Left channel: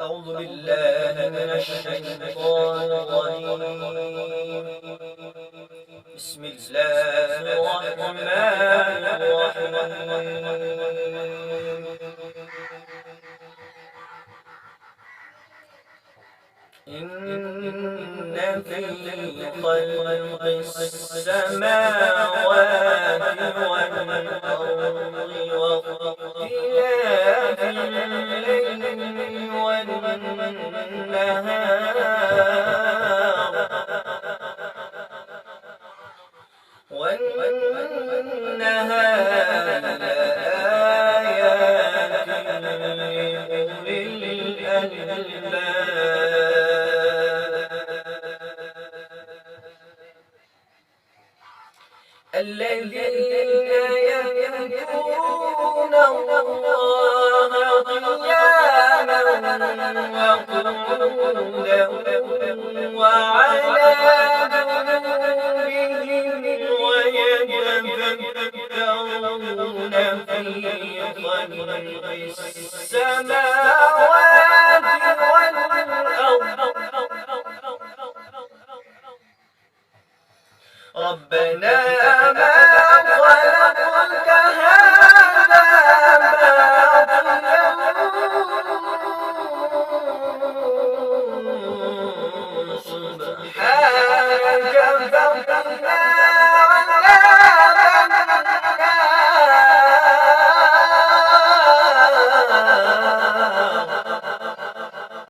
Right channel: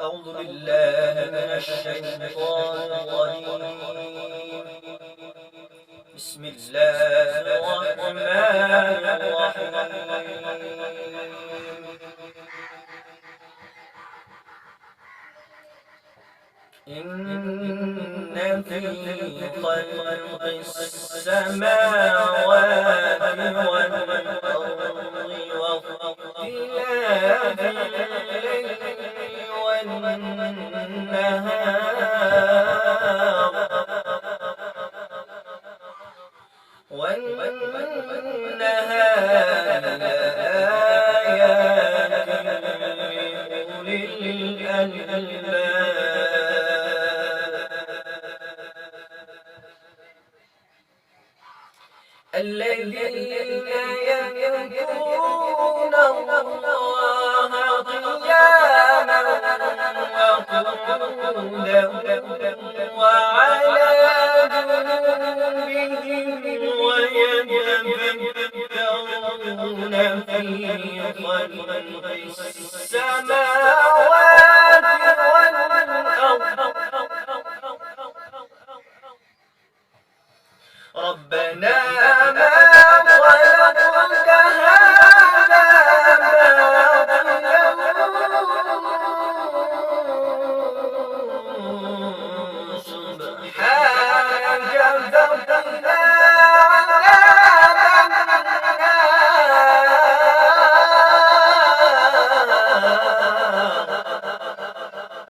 أعوذ بالله من الشيطان الرجيم. بسم الله الرحمن الرحيم. إن في خلق السماوات والأرض واختلاف الليل والنهار لآيات لأولي الألباب الذين يذكرون الله قياما وقعودا وعلى جنوبهم ويتفكرون في خلق السماوات والأرض ربنا ما خلقت هذا باطلا سبحانك فقنا